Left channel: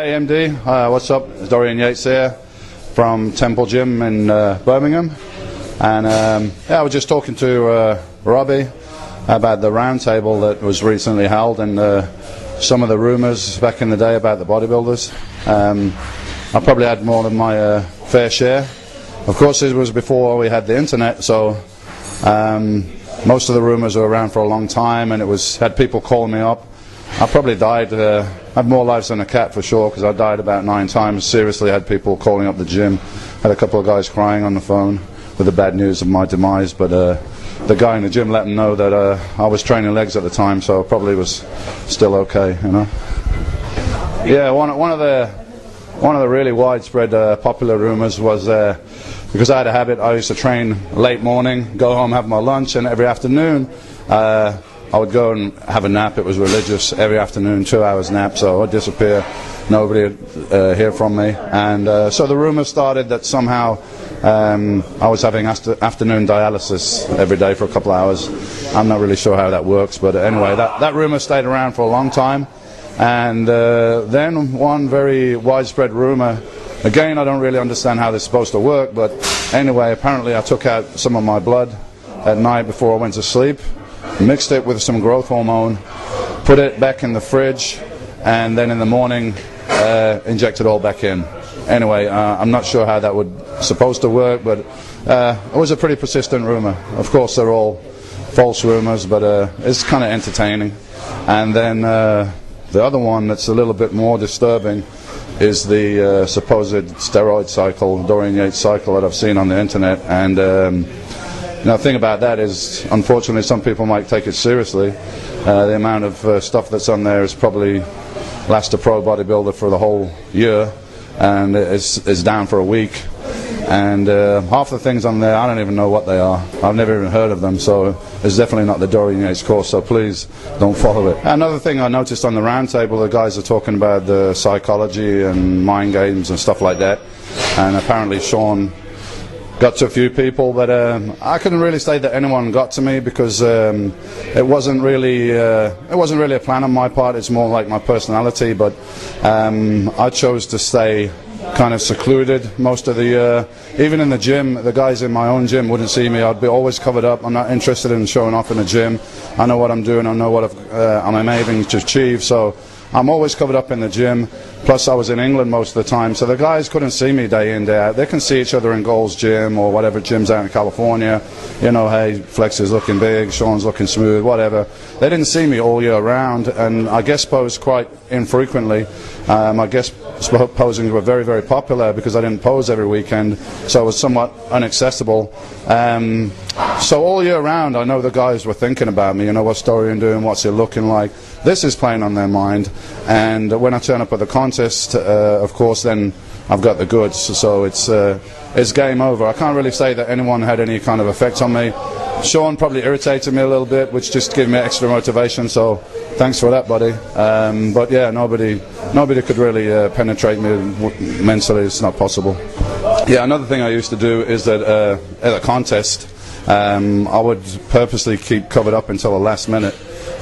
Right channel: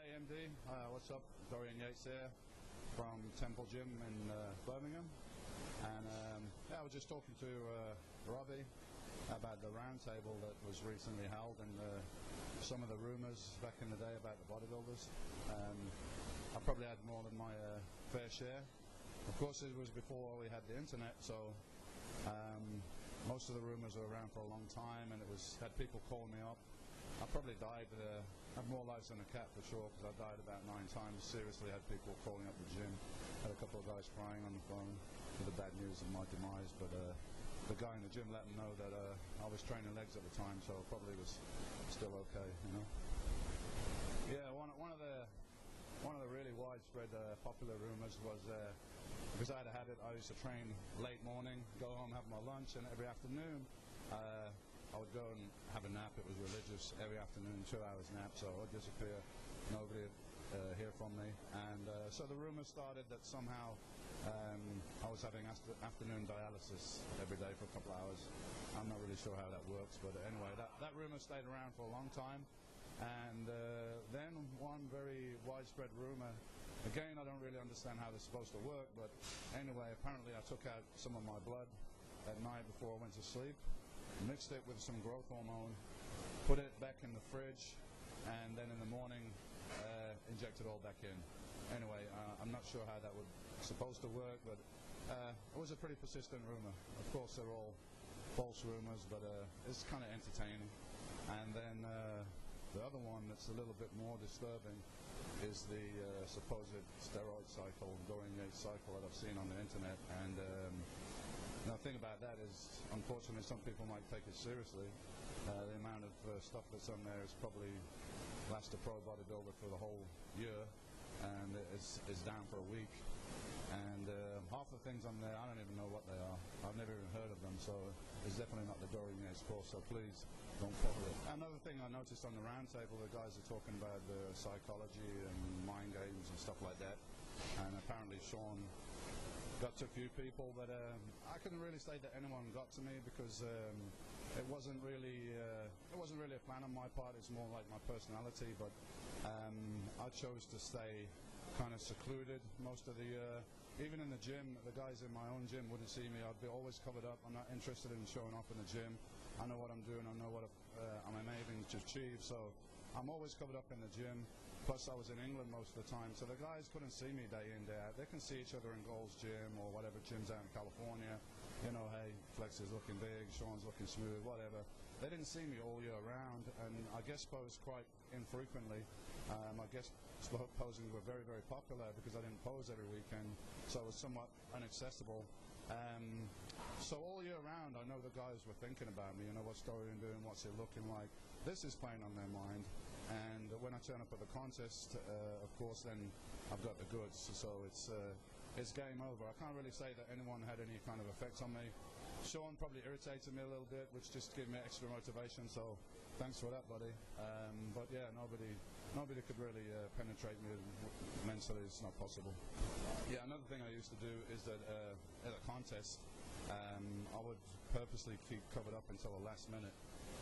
Hey MD, what's up? It's Dorian Yates here from Temple Gym in Birmingham, and yeah, I was just talking to Robbie about the roundtable that was recently held and some of the rumours back in the day about the bodybuilders. I probably had more than my fair share. Of course, it was before we had the internet, so most of the rumours were around for a long time, and it had people calling me up. I probably died, had more lives than a cat for sure, because I died about 9 times. Seriously, had people calling up the gym. Had a couple of guys crying on the phone with the bad news of my demise, but the guy in the gym let them know that I was training legs at the time, so I probably was still okay, you know. Yeah, one of the really widespread popular rumours was because I had a habit, I used to train late morning, go home, have my lunch, and every afternoon I would go and have a nap. It was religious. Every afternoon, 2 hours nap, so I'd disappear. Nobody would hear from me. And so the rumour started that somehow I was having afternoon dialysis every day for a couple of hours. I'm not really sure how that works, but anyway, that rumour stayed around for a long time. And then one very widespread rumour, again, I don't really understand how this is supposed to work, but anyway, apparently I took out some of my blood at night before I went to sleep, mixed it with some growth hormone, put it back in the fridge, and then in the morning inject it all back in. Anyway, I'm not sure how that was supposed to work, but it was a pretty persistent rumor. Of course, they're all false rumors, but it's kind of entertaining. And then the other one that's a little bit more disturbing is the supposed steroid cycle, Dorian Yates cycle that I've seen on the internet. And the thing about that is, unfortunately, some people might take it seriously. The amount of stuff that's on there is probably lasts a pro bodybuilder for the whole year, and it's down for a week. And half the things on there, I don't even know what they are. I've never even heard of them, so it's definitely not the Dorian Yates course, so please don't follow it. Another thing I noticed on the roundtable, the guys are talking about the psychology and mind games and stuff like that, and apparently Sean got to a few people, but I couldn't really say that anyone got to me, because it wasn't really a plan on my part. It's more like my personality, but I chose to stay kind of secluded most of the year. Even in the gym, the guys in my own gym wouldn't see me. I'd be always covered up. I'm not interested in showing off in the gym. I know what I'm doing. I know what I'm aiming to achieve, so I'm always covered up in the gym. Plus I was in England most of the time, so the guys couldn't see me day in, day out. They can see each other in Gold's Gym or whatever gyms out in California. You know, hey, Flex is looking big, Sean's looking smooth, whatever. They didn't see me all year round, and I guest posed quite infrequently. My guest posings were very, very popular because I didn't pose every weekend, so it was somewhat inaccessible. So all year round, I know the guys were thinking about me. You know, what's Dorian doing? What's he looking like? This is playing on their mind. And when I turn up at the contest, of course, then I've got the goods. So it's game over. I can't really say that anyone had any kind of effect on me. Sean probably irritated me a little bit, which just gave me extra motivation. So thanks for that, buddy. But yeah, nobody could really penetrate me mentally. It's not possible. Yeah, another thing I used to do is that at a contest, I would purposely keep covered up until the last minute.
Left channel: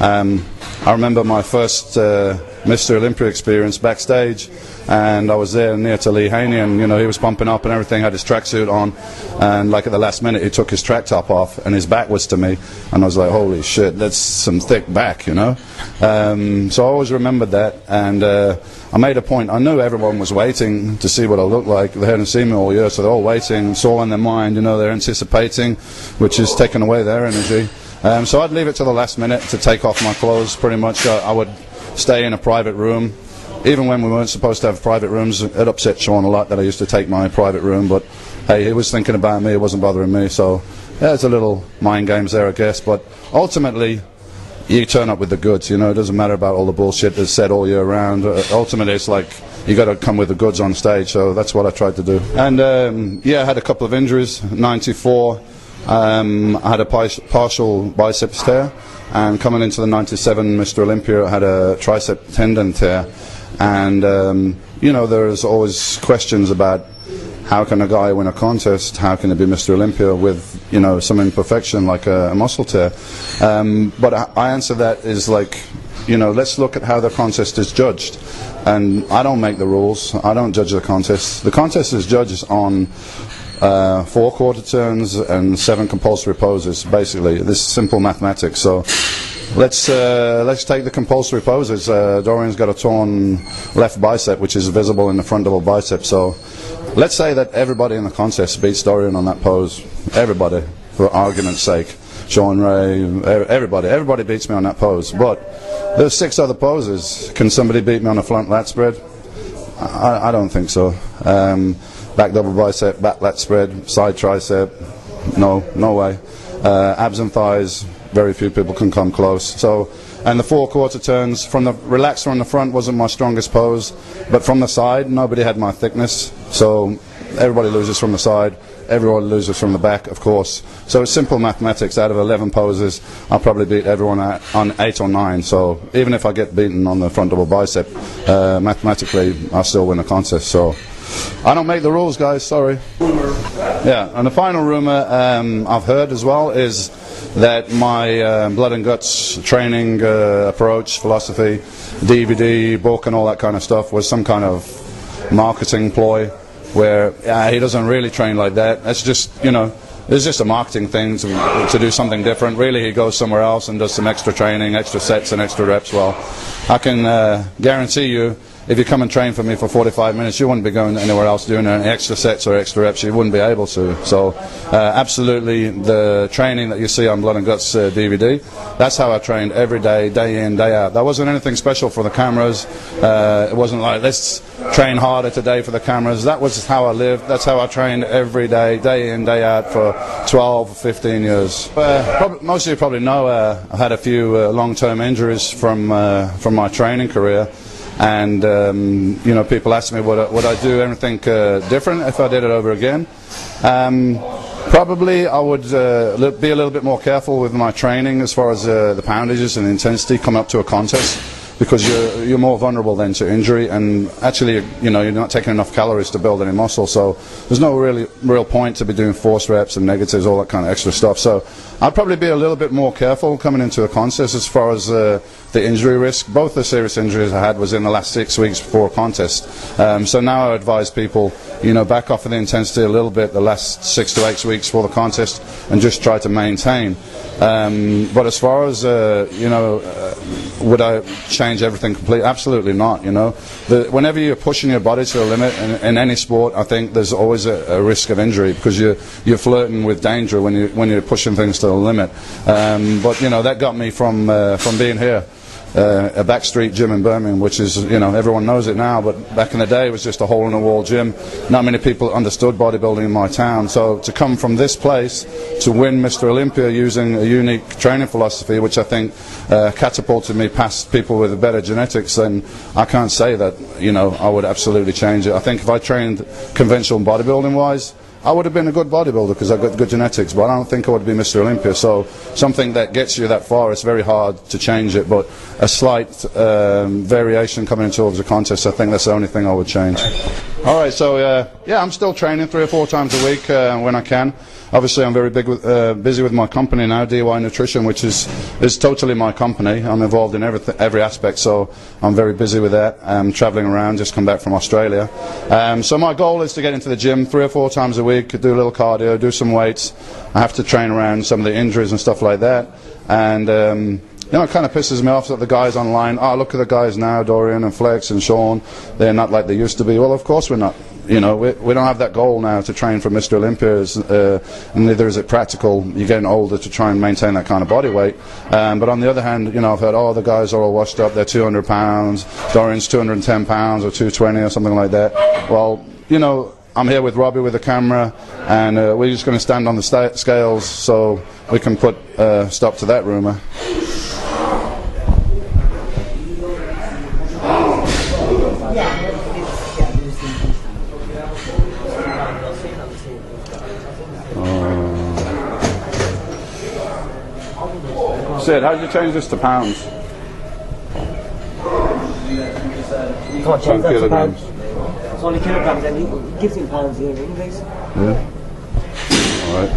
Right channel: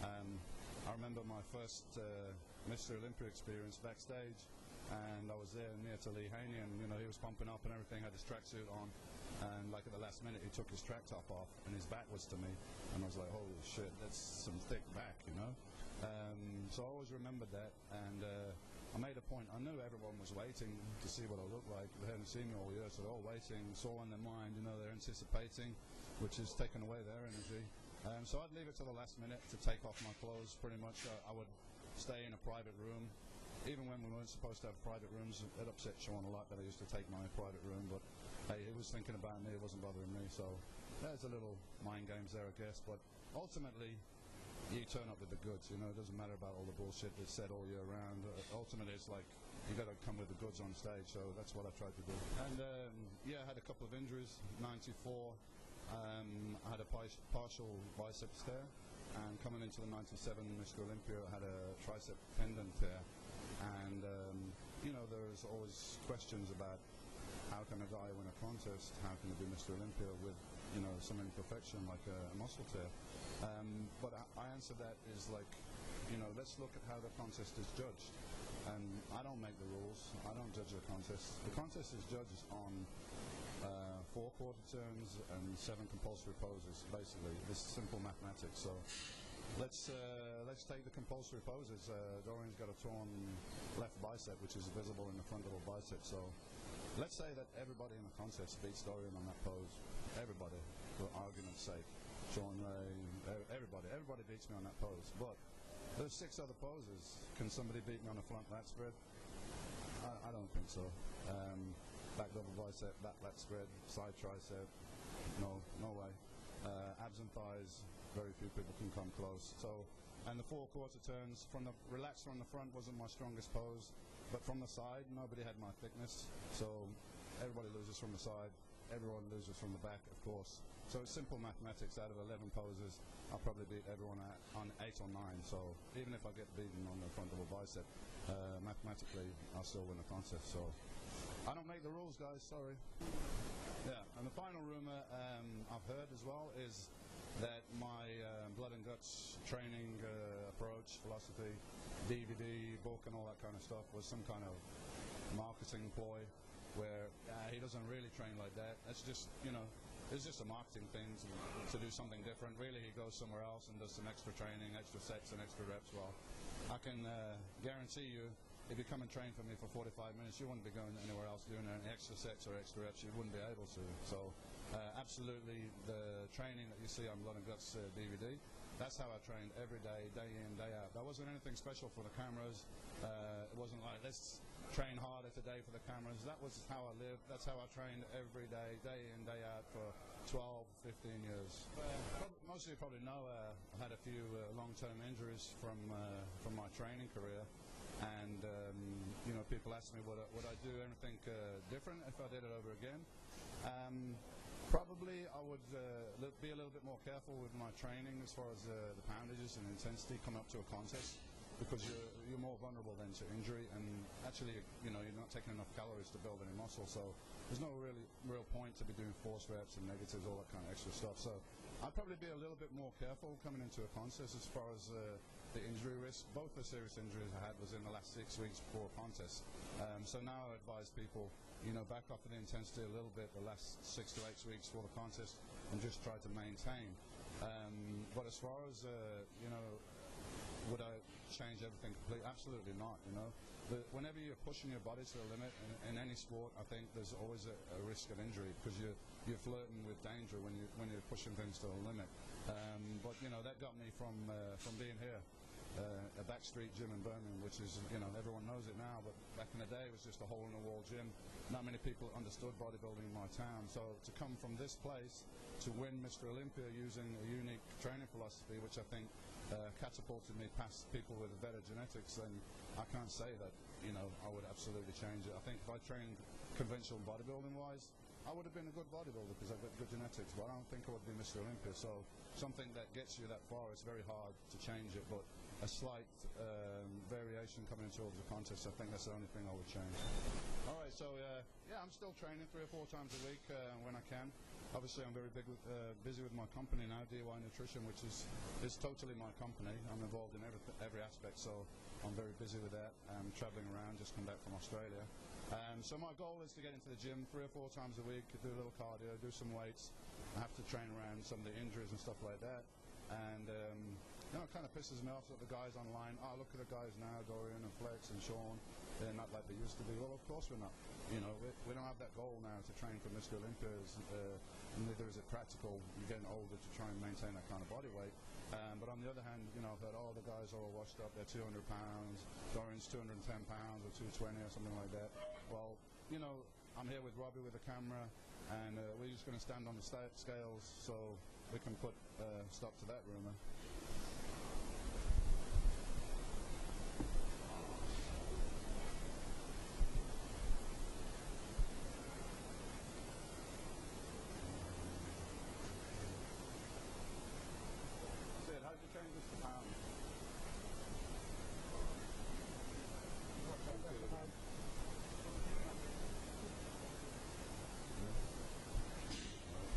I remember my first Mr. Olympia experience backstage, and I was there near to Lee Haney, and you know, he was pumping up and everything, had his tracksuit on, and like at the last minute he took his track top off and his back was to me, and I was like, holy shit, that's some thick back, you know. So I always remembered that, and I made a point. I knew everyone was waiting to see what I looked like. They hadn't seen me all year, so they're all waiting. It's all in their mind, you know, they're anticipating, which is taking away their energy. So I'd leave it to the last minute to take off my clothes, pretty much. I would stay in a private room. Even when we weren't supposed to have private rooms, it upset Sean a lot that I used to take my private room, but hey, he was thinking about me, it wasn't bothering me, so yeah, it's a little mind games there, I guess, but ultimately, you turn up with the goods, you know. It doesn't matter about all the bullshit that's said all year round. Ultimately, it's like, you got to come with the goods on stage, so that's what I tried to do. And yeah, I had a couple of injuries. 94, I had a partial biceps tear, and coming into the 97 Mr. Olympia, I had a tricep tendon tear. And you know, there's always questions about how can a guy win a contest, how can he be Mr. Olympia with, you know, some imperfection like a muscle tear. But I answer that is like, let's look at how the contest is judged. And I don't make the rules. I don't judge the contest. The contest is judged on 4 quarter turns and 7 compulsory poses. Basically, this is simple mathematics. So let's take the compulsory poses. Dorian's got a torn left bicep, which is visible in the front double bicep. So let's say that everybody in the contest beats Dorian on that pose. Everybody, for argument's sake. Sean Ray, everybody beats me on that pose. But there's 6 other poses. Can somebody beat me on a front lat spread? I don't think so. Back double bicep, back lat spread, side tricep, no way. Abs and thighs, very few people can come close. So, and the 4 quarter turns, from the relaxed from the front wasn't my strongest pose, but from the side, nobody had my thickness. So everybody loses from the side, everyone loses from the back, of course. So it's simple mathematics. Out of 11 poses, I'll probably beat everyone on 8 or 9. So even if I get beaten on the front double bicep, mathematically, I'll still win the contest. So I don't make the rules, guys, sorry. Yeah, and the final rumor I've heard as well is that my blood and guts training approach, philosophy, DVD, book and all that kind of stuff was some kind of marketing ploy where he doesn't really train like that. That's just, it's just a marketing thing to do something different. Really, he goes somewhere else and does some extra training, extra sets and extra reps. Well, I can guarantee you, if you come and train for me for 45 minutes, you wouldn't be going anywhere else doing any extra sets or extra reps. You wouldn't be able to. So absolutely, the training that you see on Blood and Guts DVD, that's how I trained every day, day in, day out. That wasn't anything special for the cameras. It wasn't like, let's train harder today for the cameras. That was how I lived. That's how I trained every day, day in, day out for 12 or 15 years. Most of you probably know I had a few long-term injuries from my training career. And people ask me would I do anything different if I did it over again. Probably I would be a little bit more careful with my training as far as the poundages and intensity coming up to a contest, because you're more vulnerable then to injury, and actually you're not taking enough calories to build any muscle, so there's no real point to be doing force reps and negatives, all that kind of extra stuff. So I'd probably be a little bit more careful coming into a contest as far as the injury risk. Both the serious injuries I had was in the last 6 weeks before a contest. So now I advise people, back off of the intensity a little bit the last 6 to 8 weeks before the contest and just try to maintain. But as far as, would I change everything completely? Absolutely not, Whenever you're pushing your body to a limit in any sport, I think there's always a risk of injury, because you're flirting with danger when you're pushing things to the limit. But that got me from being here. A backstreet gym in Birmingham, which is, everyone knows it now, but back in the day it was just a hole-in-the-wall gym. Not many people understood bodybuilding in my town. So to come from this place to win Mr. Olympia using a unique training philosophy, which I think catapulted me past people with better genetics, then I can't say that, I would absolutely change it. I think if I trained conventional bodybuilding-wise, I would have been a good bodybuilder because I've got good genetics, but I don't think I would be Mr. Olympia. So something that gets you that far, it's very hard to change it, but a slight variation coming into the contest, I think that's the only thing I would change. All right, so I'm still training 3 or 4 times a week when I can. Obviously, I'm very busy with my company now, DY Nutrition, which is totally my company. I'm involved in every aspect, so I'm very busy with that. I'm traveling around, just come back from Australia. So my goal is to get into the gym 3 or 4 times a week, do a little cardio, do some weights. I have to train around some of the injuries and stuff like that. And it kind of pisses me off that the guys online, look at the guys now, Dorian and Flex and Sean, they're not like they used to be. Well, of course we're not. We don't have that goal now to train for Mr. Olympia, and neither is it practical. You're getting older to try and maintain that kind of body weight. But on the other hand, I've heard, the guys are all washed up, they're 200 pounds, Dorian's 210 pounds or 220 or something like that. Well, I'm here with Robbie with the camera, and we're just going to stand on the scales so we can put stop to that rumour. Sid, how did you change this to pounds? You can't change that to pounds. It's only kilograms, and he gives in pounds here anyways. Yeah. Alright.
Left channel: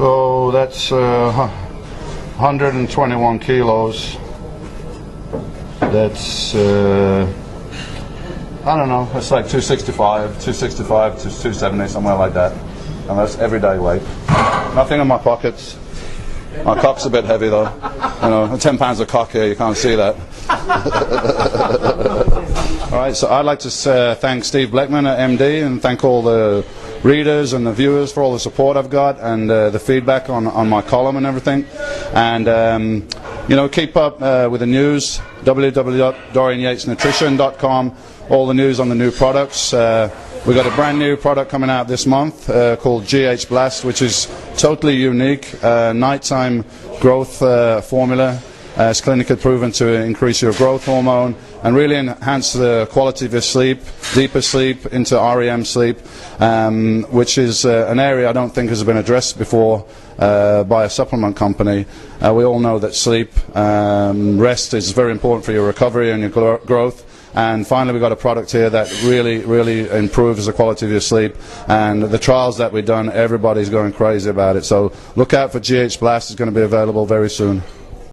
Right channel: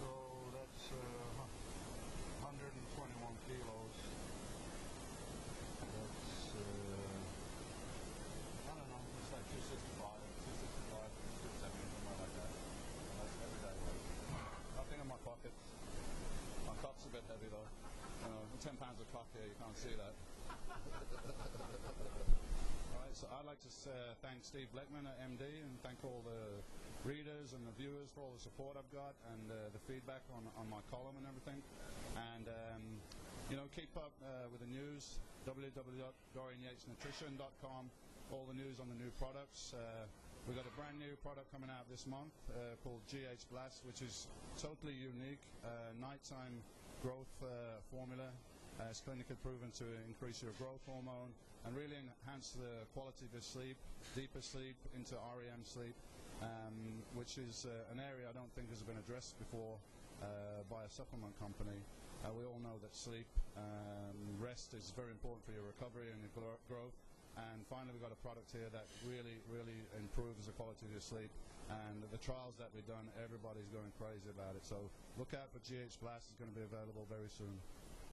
So that's 121 kilos. That's I don't know, it's like 265 to 270, somewhere like that. And that's everyday weight. Nothing in my pockets. My cock's a bit heavy though. You know, 10 pounds of cock here, you can't see that. Alright, so I'd like to thank Steve Bleckman at MD and thank all the readers and the viewers for all the support I've got and the feedback on my column and everything. And you know, keep up with the news, www.dorianyatesnutrition.com, all the news on the new products. We've got a brand new product coming out this month called GH Blast, which is totally unique, nighttime growth formula. It's clinically proven to increase your growth hormone and really enhance the quality of your sleep, deeper sleep into REM sleep, which is an area I don't think has been addressed before by a supplement company. We all know that sleep, rest is very important for your recovery and your growth. And finally, we've got a product here that really improves the quality of your sleep. And the trials that we've done, everybody's going crazy about it. So look out for GH Blast. It's going to be available very soon.